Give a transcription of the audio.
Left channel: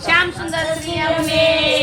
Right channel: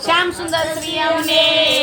શ્યામ સુંદર Shri